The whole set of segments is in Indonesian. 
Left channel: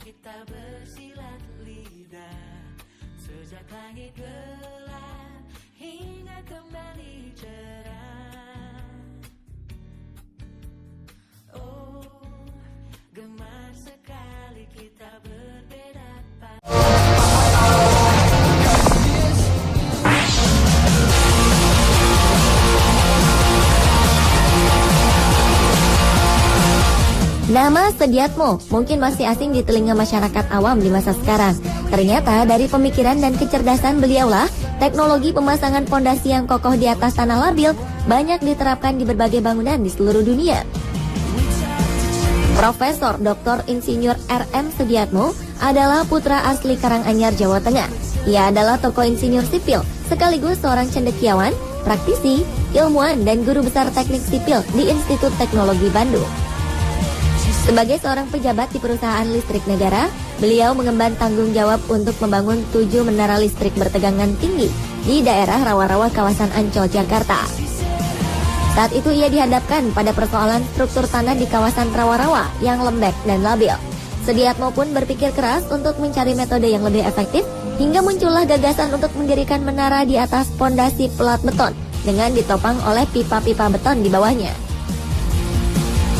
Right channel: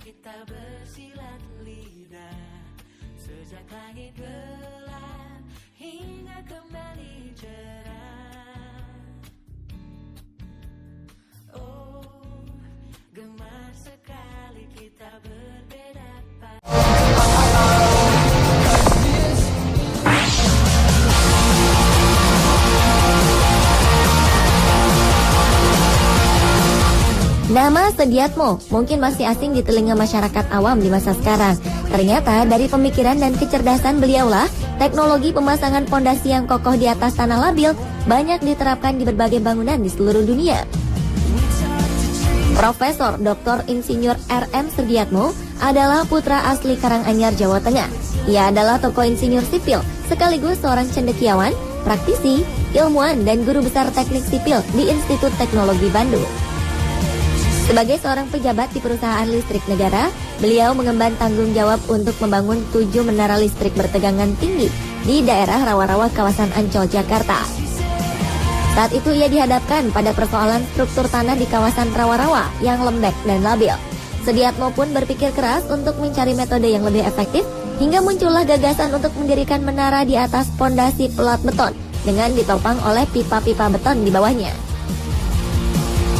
kita bersilat lidah, sejak langit gelap hingga kembali cerah. Oh, gemar sekali kita berbeda pada. Nama Sediatmo mungkin masih asing di telinga masyarakat awam di masa sekarang. Ternyata dari pemikiran dan kecerdasan beliaulah, teknologi pemasangan fondasi yang kokoh di atas tanah labil banyak diterapkan di berbagai bangunan di seluruh dunia. Profesor Dr. Insinyur R.M. Sediatmo adalah putra asli Karanganyar, Jawa Tengah. Ia adalah tokoh insinyur sipil, sekaligus seorang cendekiawan, praktisi, ilmuwan, dan guru besar teknik sipil di Institut Teknologi Bandung. Sebagai seorang pejabat di perusahaan listrik negara, beliau mengemban tanggung jawab untuk membangun 7 menara listrik bertegangan tinggi di daerah rawa-rawa kawasan Ancol, Jakarta. Saat itu ia dihadapkan pada persoalan struktur tanah di kawasan rawa-rawa yang lembek dan labil. Sediatmo pun berpikir keras untuk mencari metode yang lebih efektif, hingga muncullah gagasan untuk mendirikan menara di atas fondasi pelat beton dengan ditopang oleh pipa-pipa beton di bawahnya.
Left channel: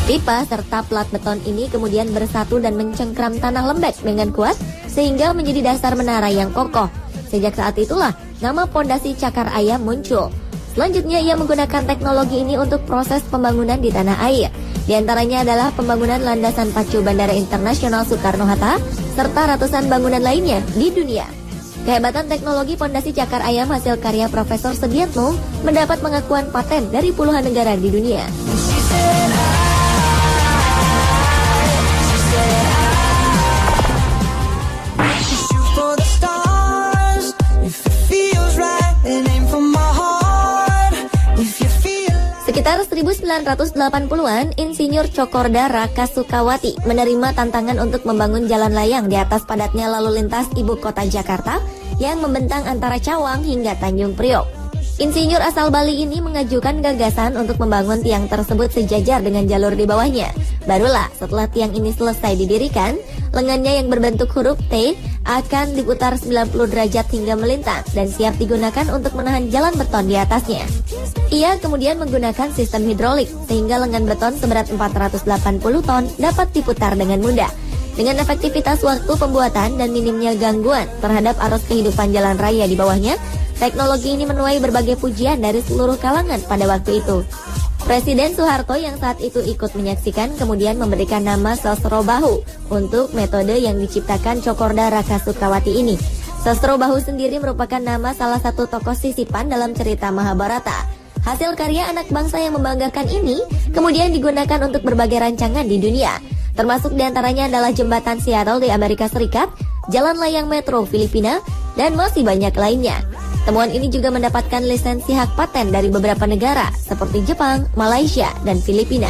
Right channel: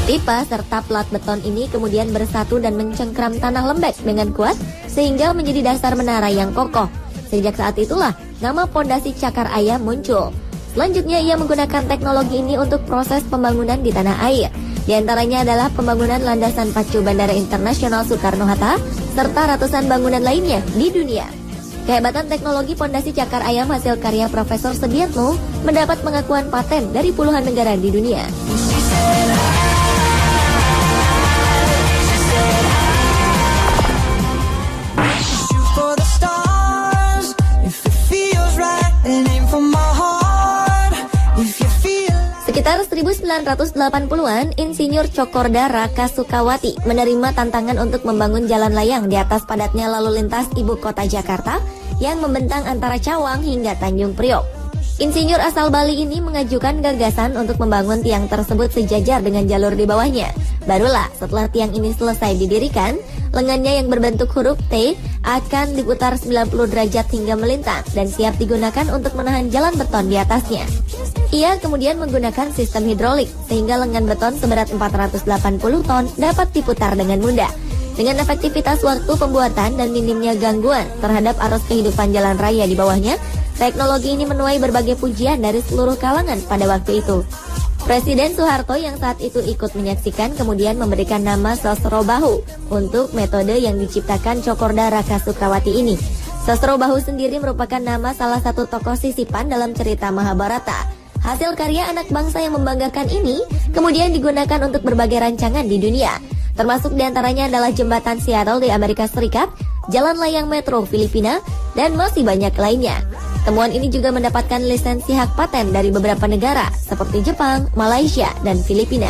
Pipa serta pelat beton ini kemudian bersatu dan mencengkram tanah lembek dengan kuat sehingga menjadi dasar menara yang kokoh. Sejak saat itulah nama fondasi Cakar Ayam muncul. Selanjutnya ia menggunakan teknologi ini untuk proses pembangunan di tanah air. Di antaranya adalah pembangunan landasan pacu Bandara Internasional Soekarno-Hatta serta ratusan bangunan lainnya di dunia. Kehebatan teknologi fondasi Cakar Ayam hasil karya Profesor Sediatmo mendapat pengakuan paten dari puluhan negara di dunia. Sekitar 1980-an, Insinyur Cokorda Raka Sukawati menerima tantangan untuk membangun jalan layang di atas padatnya lalu lintas ibu kota Jakarta yang membentang antara Cawang hingga Tanjung Priok. Insinyur asal Bali ini mengajukan gagasan untuk membangun tiang tersebut sejajar dengan jalur di bawahnya. Barulah setelah tiang ini selesai didirikan, lengannya yang berbentuk huruf T akan diputar 90 derajat hingga melintas dan siap digunakan untuk menahan jalan beton di atasnya. Ia kemudian menggunakan sistem hidrolik sehingga lengan beton seberat 480 ton dapat diputar dengan mudah. Dengan efektivitas waktu pembuatan dan minimnya gangguan terhadap arus kehidupan jalan raya di bawahnya, teknologi ini menuai berbagai pujian dari seluruh kalangan pada waktu itu. Presiden Soeharto yang saat itu ikut menyaksikan kemudian memberikan nama Sosrobahu untuk metode yang diciptakan Cokorda Raka Sukawati ini. Sosrobahu sendiri merupakan nama salah satu tokoh sisipan dalam cerita Mahabharata. Hasil karya anak bangsa yang membanggakan ini kemudian digunakan untuk berbagai rancangan di dunia. Termasuk diantaranya adalah jembatan Seattle di Amerika Serikat, jalan layang metro Filipina, dan masih banyak lainnya. Temuan ini juga mendapatkan lisensi hak paten dari beberapa negara seperti Jepang, Malaysia, dan Filipina.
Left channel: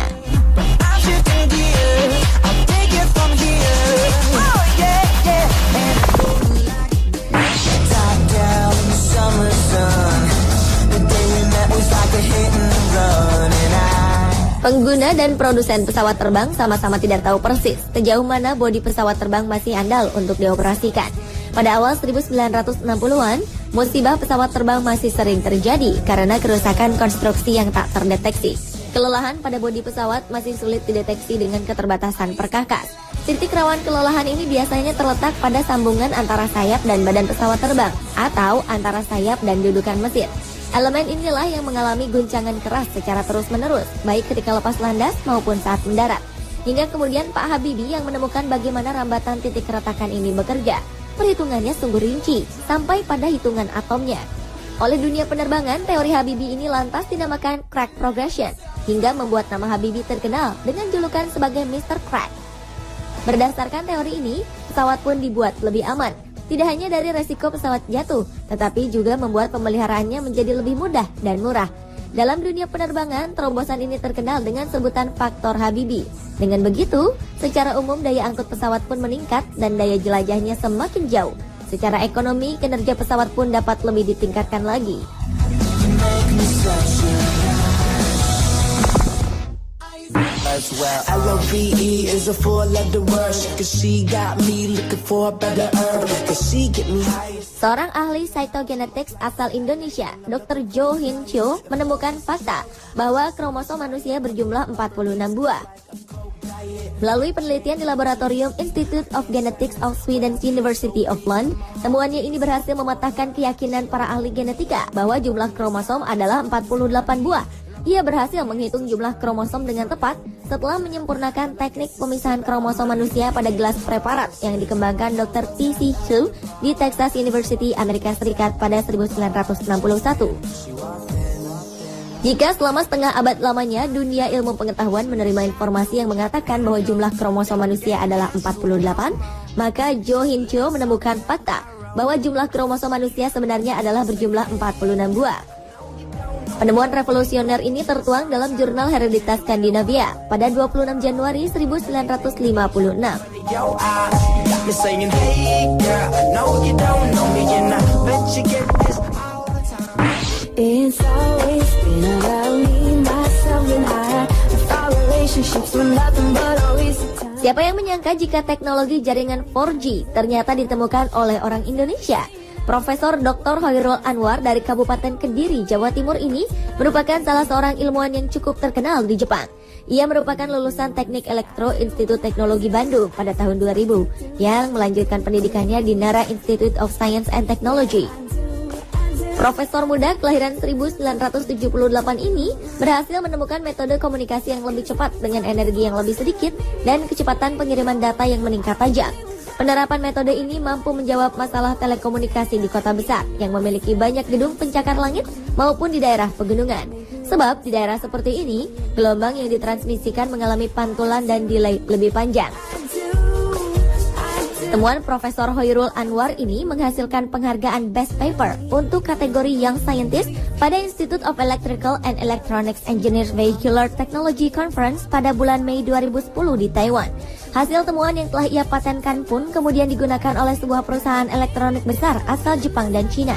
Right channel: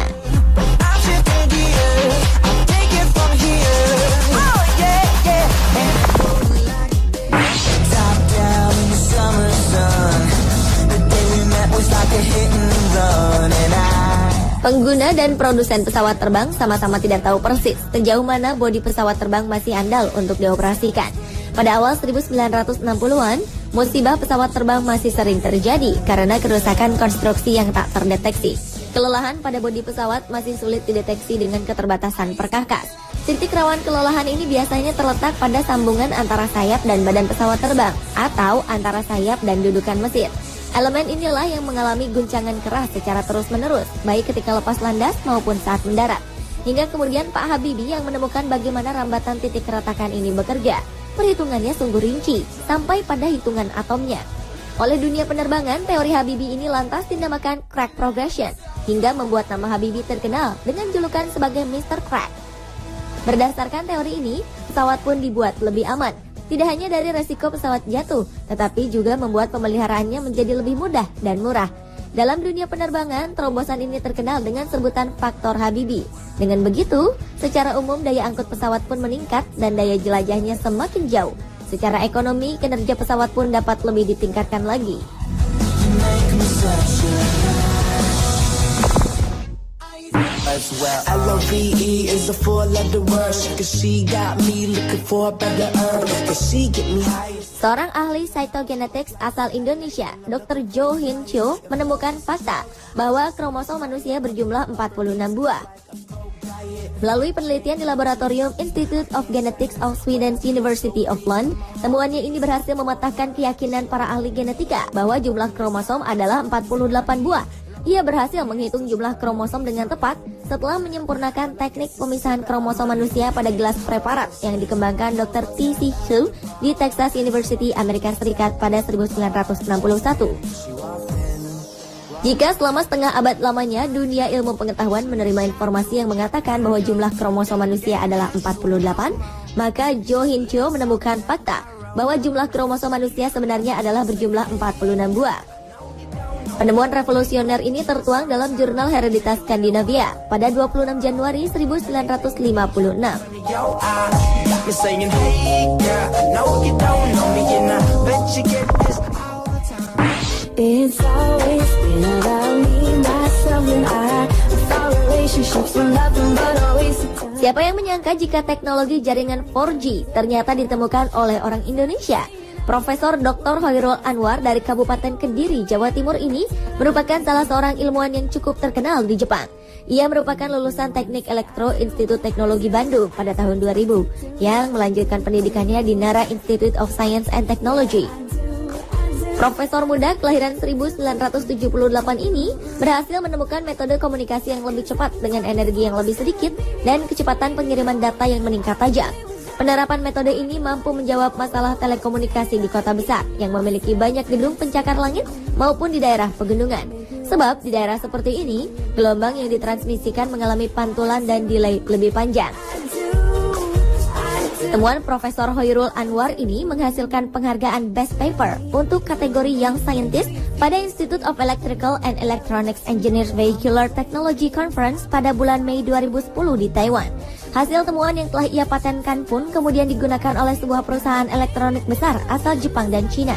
Pengguna dan produsen pesawat terbang sama-sama tidak tahu persis sejauh mana bodi pesawat terbang masih andal untuk dioperasikan. Pada awal 1960-an, musibah pesawat terbang masih sering terjadi karena kerusakan konstruksi yang tak terdeteksi. Kelelahan pada bodi pesawat masih sulit dideteksi dengan keterbatasan perkakas. Titik rawan kelelahan ini biasanya terletak pada sambungan antara sayap dan badan pesawat terbang atau antara sayap dan dudukan mesin. Elemen inilah yang mengalami guncangan keras secara terus-menerus, baik ketika lepas landas maupun saat mendarat. Hingga kemudian Pak Habibie yang menemukan bagaimana rambatan titik keretakan ini bekerja. Perhitungannya sungguh rinci, sampai pada hitungan atomnya. Oleh dunia penerbangan, teori Habibie ini lantas dinamakan crack progression, hingga membuat nama Habibie terkenal dengan julukan sebagai Mr. Crack. Berdasarkan teori ini, pesawat pun dibuat lebih aman. Tidak hanya dari resiko pesawat jatuh, tetapi juga membuat pemeliharaannya menjadi lebih mudah dan murah. Dalam dunia penerbangan, terobosan ini terkenal dengan sebutan faktor Habibie. Dengan begitu, secara umum daya angkut pesawat pun meningkat dan daya jelajahnya semakin jauh. Secara ekonomi, kinerja pesawat pun dapat lebih ditingkatkan lagi. as well. LOVE is a four-letter word. She got me looking for a better earth. And she get me high. Seorang ahli cytogenetics asal Indonesia, Dr. Jo Hin Cho, menemukan fakta bahwa kromosom manusia berjumlah 46 buah. Melalui penelitian di laboratorium Institute of Genetics of Sweden's University of Lund, temuannya ini berhasil mematahkan keyakinan para ahli genetika bahwa jumlah kromosom adalah 48 buah. Ia berhasil menghitung jumlah kromosom dengan tepat setelah menyempurnakan teknik pemisahan kromosom manusia pada gelas preparat yang dikembangkan Dr. T.C. Chu di Texas University, Amerika Serikat pada 1961. Jika selama setengah abad lamanya dunia ilmu pengetahuan menerima informasi yang mengatakan bahwa jumlah kromosom manusia adalah 48, maka Jo Hin Cho menemukan fakta bahwa jumlah kromosom manusia sebenarnya adalah berjumlah 46 buah. Penemuan revolusioner ini tertuang dalam jurnal Hereditas Skandinavia pada 26 Januari 1956. Siapa yang menyangka jika teknologi jaringan 4G ternyata ditemukan oleh orang Indonesia? Profesor Dr. Hoirul Anwar dari Kabupaten Kediri, Jawa Timur ini merupakan salah seorang ilmuwan yang cukup terkenal di Jepang. Ia merupakan lulusan Teknik Elektro Institut Teknologi Bandung pada tahun 2000 yang melanjutkan pendidikannya di Nara Institute of Science and Technology. Profesor muda kelahiran 1978 ini berhasil menemukan metode komunikasi yang lebih cepat dengan energi yang lebih sedikit dan kecepatan pengiriman data yang meningkat tajam. Penerapan metode ini mampu menjawab masalah telekomunikasi di kota besar yang memiliki banyak gedung pencakar langit maupun di daerah pegunungan. Sebab di daerah seperti ini, gelombang yang ditransmisikan mengalami pantulan dan delay lebih panjang. Temuan Profesor Hoirul Anwar ini menghasilkan penghargaan Best Paper untuk kategori Young Scientist pada Institute of Electrical and Electronics Engineers Vehicular Technology Conference pada bulan Mei 2010 di Taiwan. Hasil temuan yang telah ia patenkan pun kemudian digunakan oleh sebuah perusahaan elektronik besar asal Jepang dan Cina.